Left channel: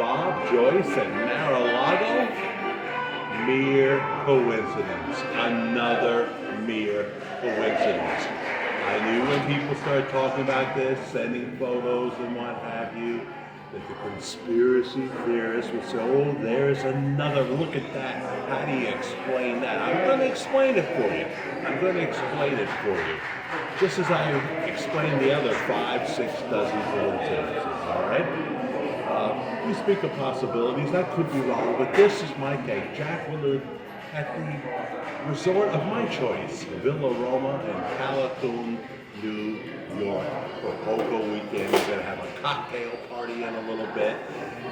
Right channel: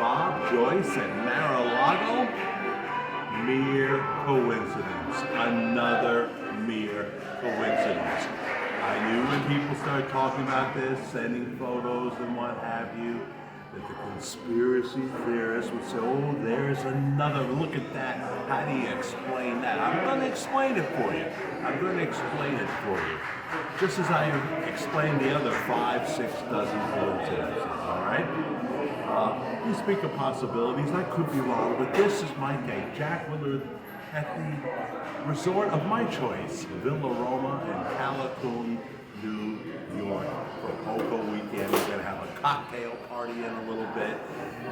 Bob, Joyce, and Mar-a-Lago? Mere coincidence. Another mere coincidence. I knew when people started talking about this, sending photos and what have you, that the conspiracy theorists would say, oh, there's another, look at that. How do you explain that? I'm going to explain it for you. I'm going to explain it for you. Just as I explained the other 5, 6 dozen coincidences, all right? We speak of possibilities. I could be wrong, but this is my take. Jack Willard at the resort of my choice, Villa Roma in Calhoun, New York, for Poco weekend. We're going to have a cocktail party in a little bit,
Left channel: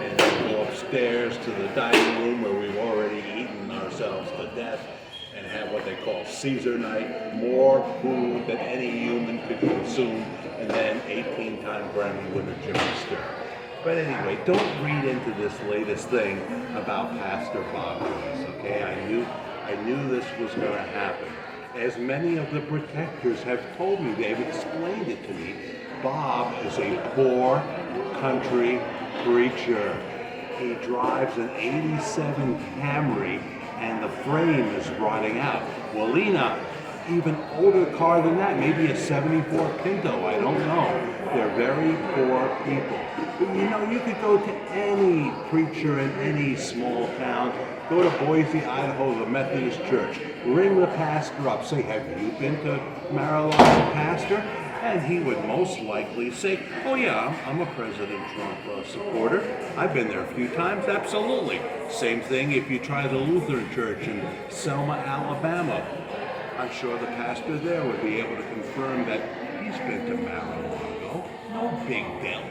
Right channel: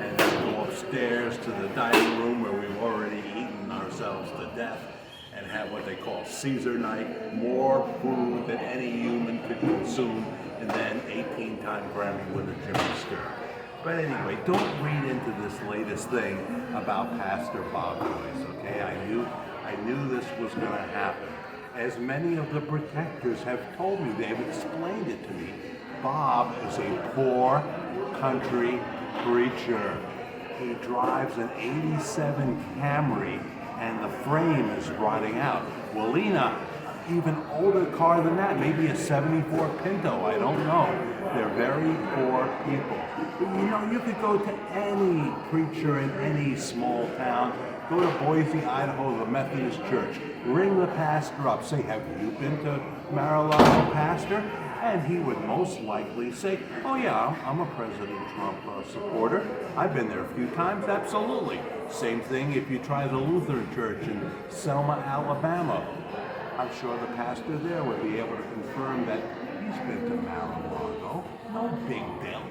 and then go upstairs to the dining room where we've already eaten ourselves to death, and have what they call Caesar night, more food than any human could consume, and then 18-time Grammy winner Jimmy Sturr. But anyway, don't read into this latest thing about Pastor Bob Joyce, okay? I knew this was going to happen. As many of the protectors have told me, they've explained it to me, Bob is a poor country preacher. He drives an 87 Camry and the frame is rotting out. Well, Lena, even older car than that, maybe a 74 Pinto, I don't know. They're very poor people. But you know, you could go to any preacher in any small town, go to Boise, Idaho, the Methodist Church, ring the pastor up, say, have you been to Mar-a-Lago, pastor? And he would most likely say, oh yeah, I'm a President Trump supporter. I've been there a few times, absolutely. Same thing if you try the Lutheran Church in Selma, Alabama. I'm sure the pastor there would be able to confirm that he's been to Mar-a-Lago. No big deal.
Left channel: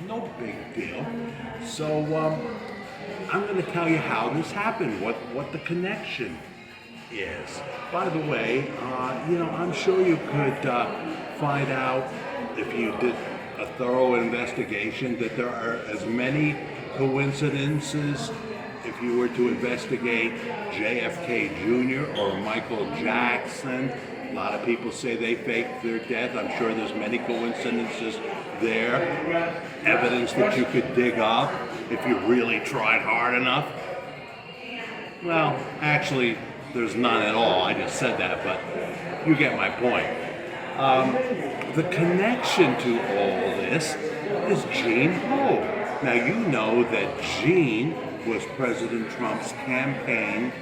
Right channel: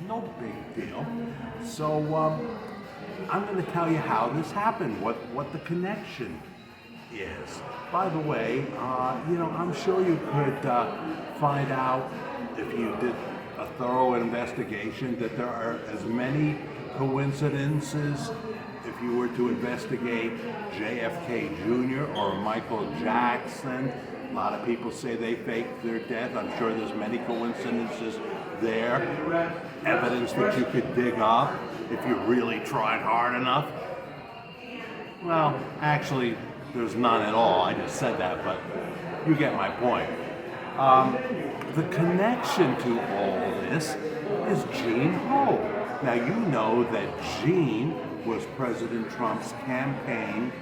No big deal. So I'm going to tell you how this happened, what the connection is. By the way, you know, I'm sure you could find out if you did a thorough investigation that there are as many coincidences if you were to investigate JFK Jr. or Michael Jackson. A lot of people say they faked their death. I'm sure there's many coincidences there. Evidence that you could dig up if you really tried hard enough. Well, actually, there's none at all. I just said that, but you get my point. The connection to all this is Gene Ho. Now, you know that Gene was President Trump's campaign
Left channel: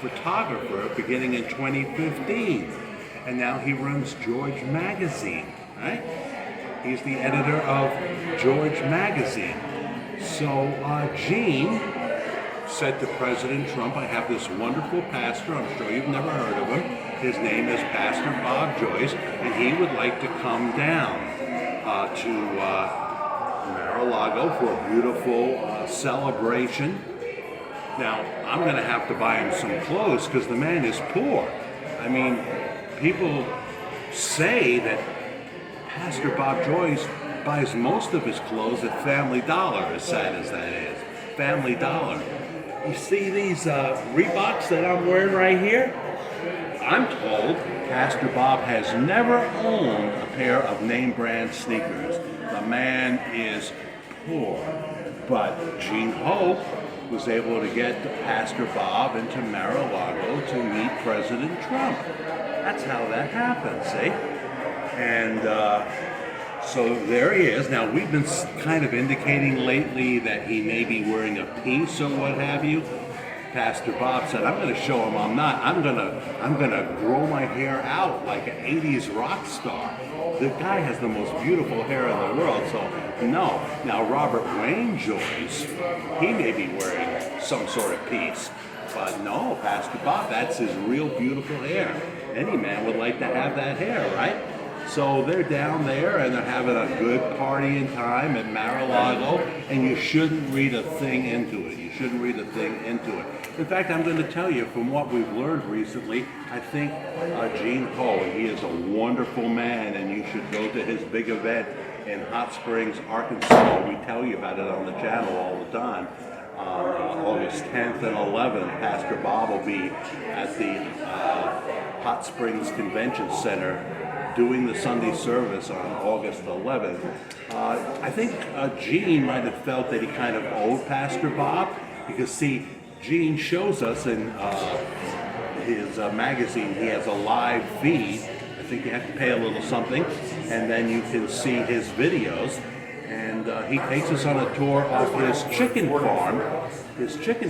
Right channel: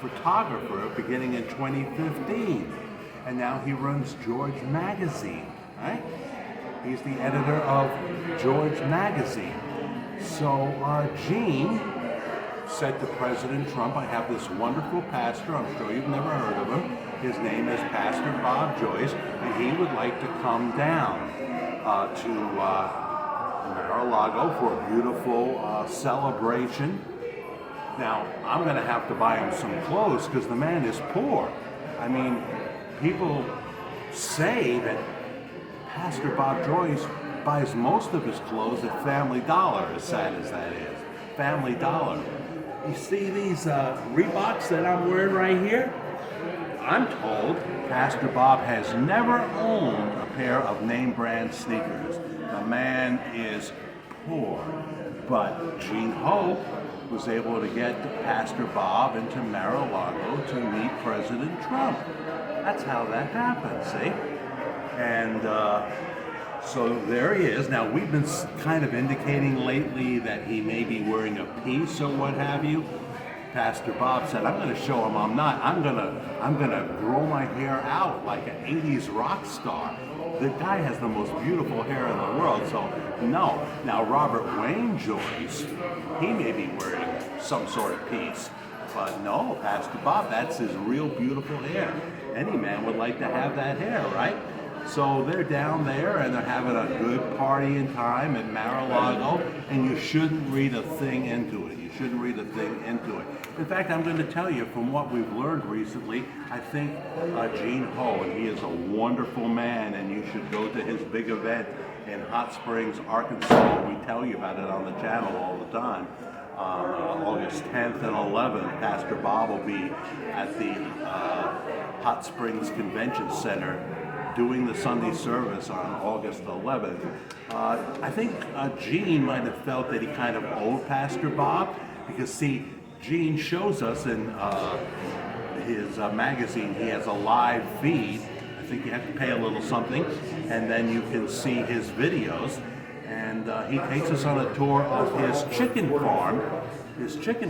photographer beginning in 2015. And now he runs George Magazine, right? He's the editor of George Magazine. So Gene said to President Trump, I have this wonderful pastor, I'm sure you've never heard of him. His name is Pastor Bob Joyce, and he would like to come down to Mar-a-Lago for a beautiful celebration. Now, I'm going to have to buy him some clothes because the man is poor. I mean, people say that Pastor Bob Joyce buys most of his clothes at Family Dollar, as sad as that is. Family Dollar. You see these Reeboks that I'm wearing right here? I'm told Pastor Bob has never owned a pair of name brand sneakers. The man is poor. But Gene Ho was able to get Pastor Bob into Mar-a-Lago to meet President Trump. That's how that happened, see? And so there he is. Now, we've been kind of indicating lately that he may be wearing a piece or what have you. Pastor Bob said, I'm going to show him I'm not. I'm going to grow my hair out like an 80s rock star. The guy has the most beautiful hair in the world, so no. Now, Robert Wayne Joyce, he may be wearing some sort of piece. But no, Pastor Bob, that's his real beautiful hair. Any man would like to have that hair, right? So they're down there and they're having a good party in time at Mar-a-Lago, and you shouldn't read a thing into it. You shouldn't read a thing into it. In fact, I'm going to tell you from what we've learned recently, I think Gene Ho, he is a wonderful man, and you should go to his big event in Hot Springs, Arkansas. We tell you about it on the channel all the time. August 10th and 11th, Pastor Bob will be at the Hot Springs Convention Center doing the Sunday service on August 11th, I think Gene might have felt that he kind of owed Pastor Bob, because see, Gene shows us in his magazine, he has a live feed. I think you have to pay a little something, and then you can see his videos. And he takes us on a tour of his chicken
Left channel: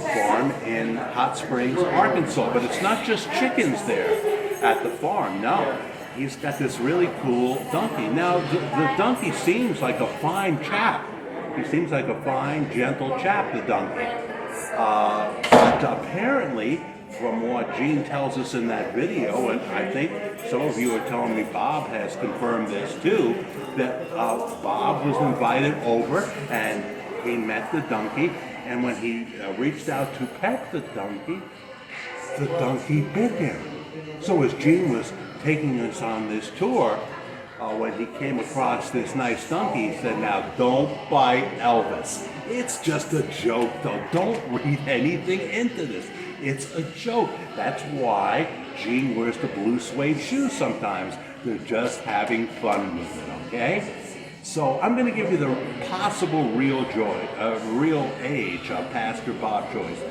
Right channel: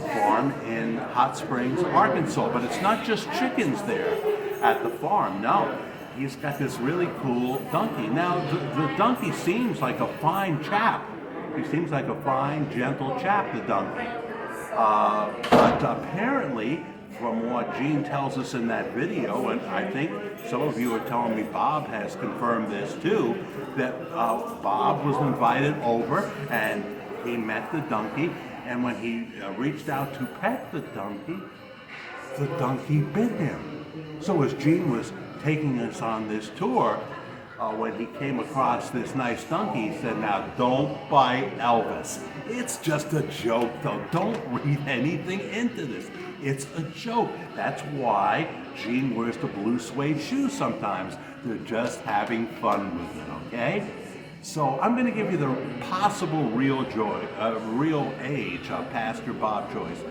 farm in Hot Springs, Arkansas. But it's not just chickens there at the farm, no. He's got this really cool donkey. Now, the donkey seems like a fine chap. He seems like a fine, gentle chap, the donkey. But apparently, from what Gene tells us in that video, and I think some of you are telling me Bob has confirmed this too, that Bob was invited over and he met the donkey, and when he reached out to pet the donkey bit him. So as Gene was taking us on this tour, when he came across this nice donkey, he said, "Now don't bite Elvis. It's just a joke though. Don't read anything into this. It's a joke." That's why Gene wears the blue suede shoes sometimes. They're just having fun with it, okay? So I'm going to give you the possible real age of Pastor Bob Joyce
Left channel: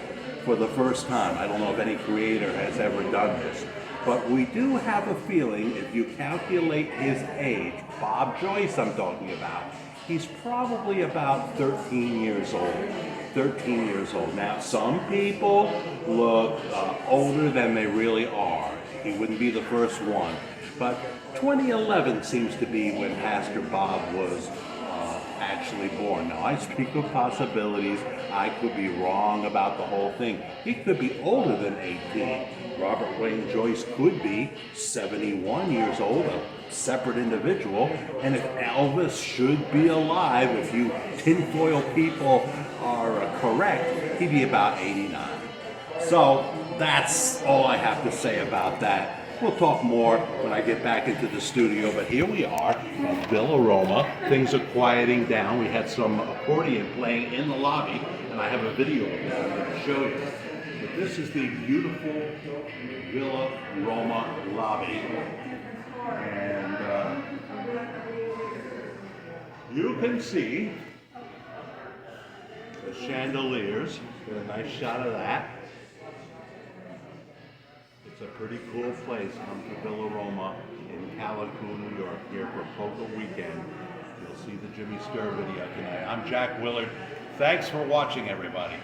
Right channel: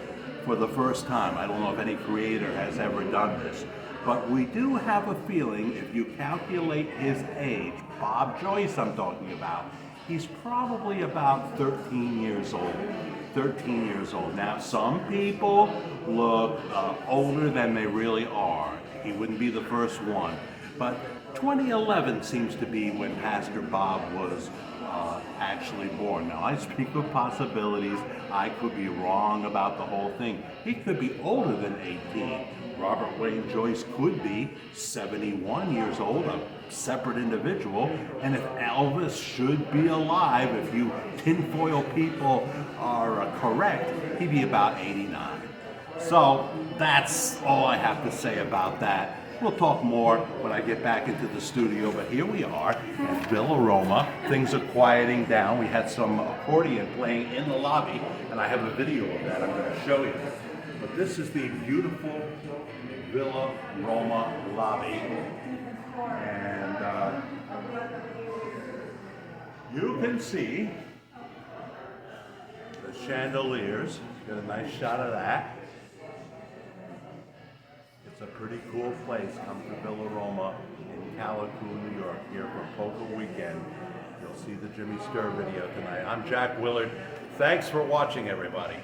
for the first time. I don't know if any creator has ever done this, but we do have a feeling if you calculate his age, Bob Joyce I'm talking about, he's probably about 13 years old. 13 years old. Now, some people look older than they really are. He wouldn't be the first one. But 2011 seems to be when Pastor Bob was actually born. Now, I speak of possibilities. I could be wrong about the whole thing. He could be older than 18. Robert Wayne Joyce could be 71 years old, a separate individual. And if Elvis should be alive, if you tinfoil people are correct, he'd be about 89. So that's all I have to say about that. We'll talk more when I get back into the studio, but here we are at Villa Roma. Things are quieting down. We had some accordion playing in the lobby, and I have a video of that I'm going to show you. But this is the beautiful Villa Roma lobby. And you can see the chandeliers. Get a nice shot of that. It's a pretty cool place. Come to Villa Roma in Callicoon, New York, here for Poker Weekend. You'll see the Jimmy Sturr video tonight. I'm Jack Willard. Thanks for watching, everybody.